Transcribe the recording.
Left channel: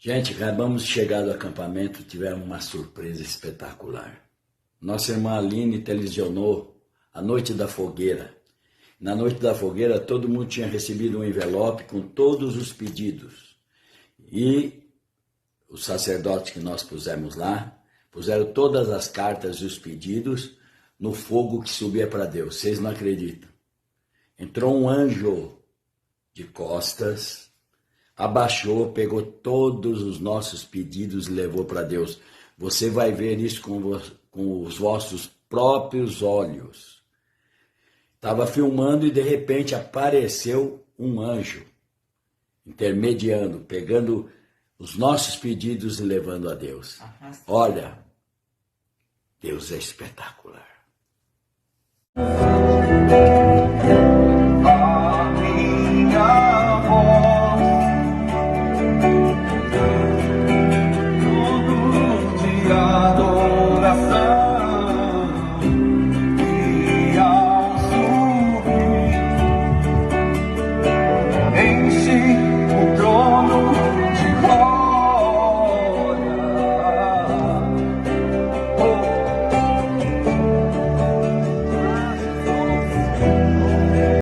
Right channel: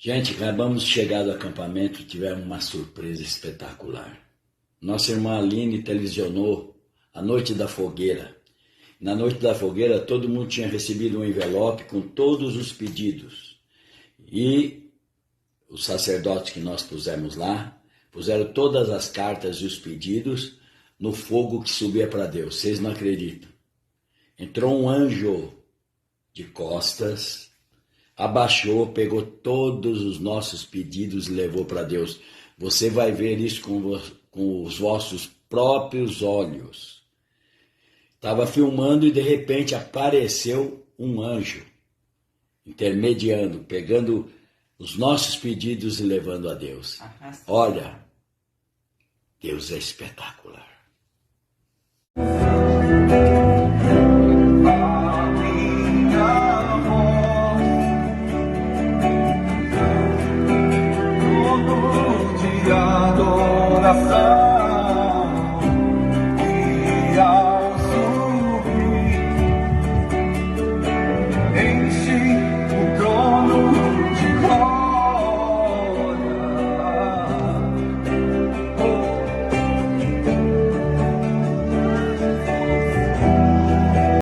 Gente, acabamos de chegar do acampamento, tivemos uma surpresa espetacular. Nossa irmã Aline televisionou a Noite da Fogueira. Na Noite da Fogueira, todo mundo tinha recebido um envelope com todos os pedidos. E os sacerdotes que nós pusemos lá, puseram todas as cartas e os pedidos no fogo que subia para Deus. Vocês não acreditam. Entrou um anjo de costas, abaixou, pegou todos os nossos pedidos e levou para Deus. Você vai ver isso com os vossos próprios olhos. Estava filmando e de repente apareceu um anjo, intermediando, pegando os nossos pedidos e levando a Deus. Olha, Deus é espetacular.